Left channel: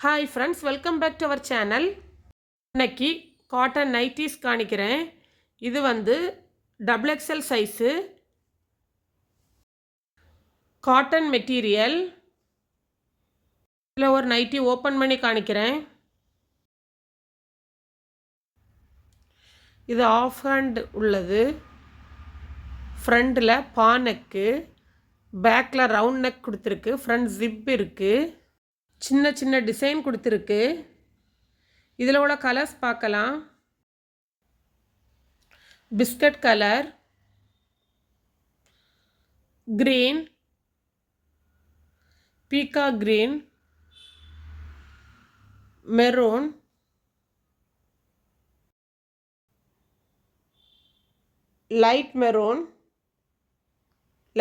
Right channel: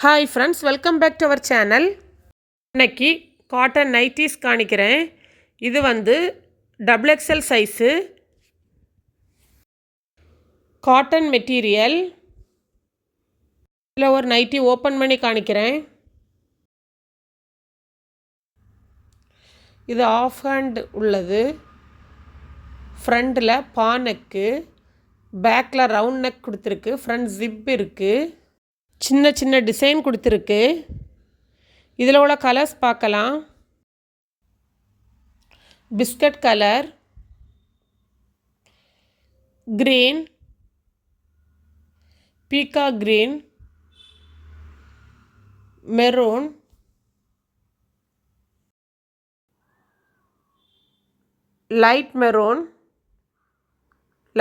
Hi friends, welcome back to our channel. இன்னைக்கு cotton nighties காணிக்கிறேன். இது வந்து double XL size cotton material. இதில் ஒரு நைட்டி ஓப்பன் பண்ணி காணிக்கிறேன். இது ஆஃப் ஹேண்ட் உள்ளது. ஃப்ரண்டில் பா நெக்கு, பேக்கில் ரவுண்ட் நெக் கொடுத்துருக்கு. ஃப்ரண்ட் ஜிப் இருக்குது. சின்ன சின்ன டிசைன் கொடுத்துருக்கு. இதில் உள்ள கலர்ஸ் பார்க்கலாம். பிஸ்கட் கலர், கிரீன், பீகா green, maroon, light maroon,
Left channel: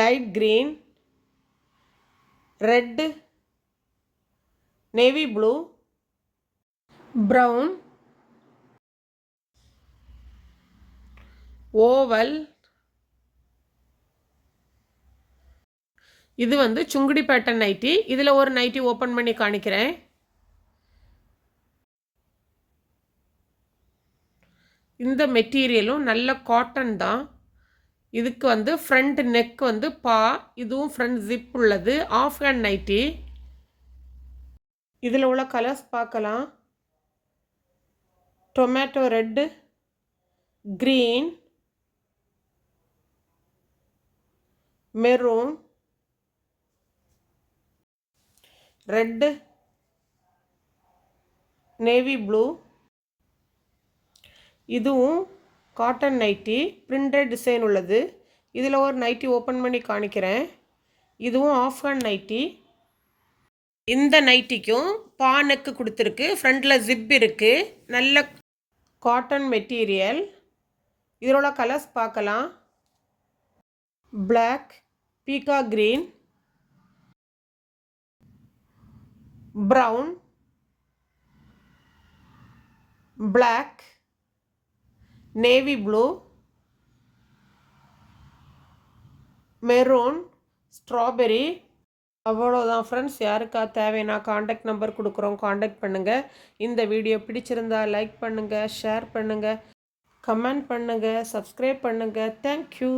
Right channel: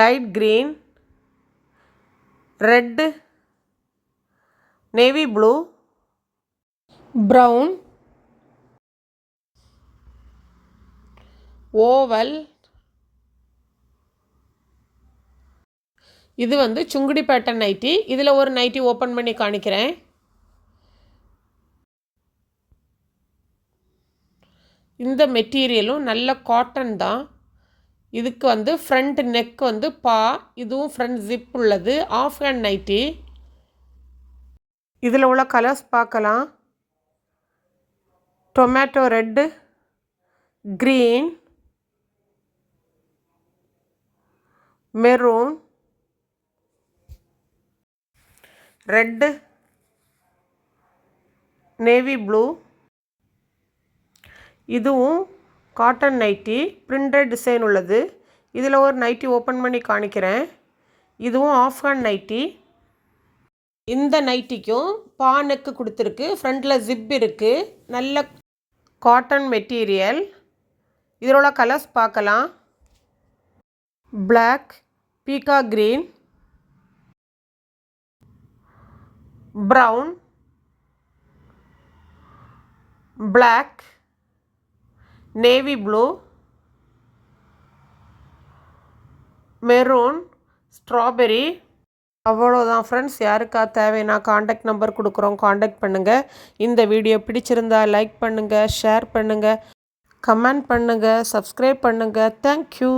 light green, red, navy blue, brown, oval. இது வந்து சுங்குடி பேட்டர்ன் நைட்டி. இதில் ஒரு நைட்டி ஓப்பன் பண்ணி காணிக்கிறேன். இந்த மெட்டீரியலும் நல்ல காட்டன் தான். இதுக்கு வந்து ஃப்ரண்ட் நெக் வந்து பா, இதுவும் ஃப்ரண்ட் ஜிப் உள்ளது. Half hand nighty. இதில் உள்ள கலர்ஸ் பார்க்கலாம். Tomato red, green, maroon, red, navy blue. இதுவும் காட்டன் நைட்டி, பிரிண்டட் டிசைன் உள்ளது. இதில் ஒரு நைட்டி ஓப்பன் பண்ணி காணிக்கிறேன். இதுவும் ஆஃப் ஹேண்ட் நைட்டி. இந்த நைட்டிக்கும் பா நெக்கு கொடுத்துருக்கு. ஃப்ரண்டில் ஜிப் இருக்குது. நல்ல காட்டன் மெட்டீரியல். இதில் உள்ள கலர்ஸ் பார்க்கலாம். பிளாக், பீகா green, brown, black, navy blue, maroon, strawberry. அவ்வளோதான் ஃப்ரெண்ட்ஸ். யாருக்கா தேவைன்னா காண்டாக்ட் நம்பர் கொடுக்குறோம், காண்டாக்ட் பண்ணுங்கள். இந்த வீடியோ பிடிச்சிருந்தா லைக் பண்ணுங்கள், ஷேர் பண்ணுங்கள், கமெண்ட் பண்ணுங்கள், சப்ஸ்கிரைப் பண்ணுங்கள். தேங்க்யூ.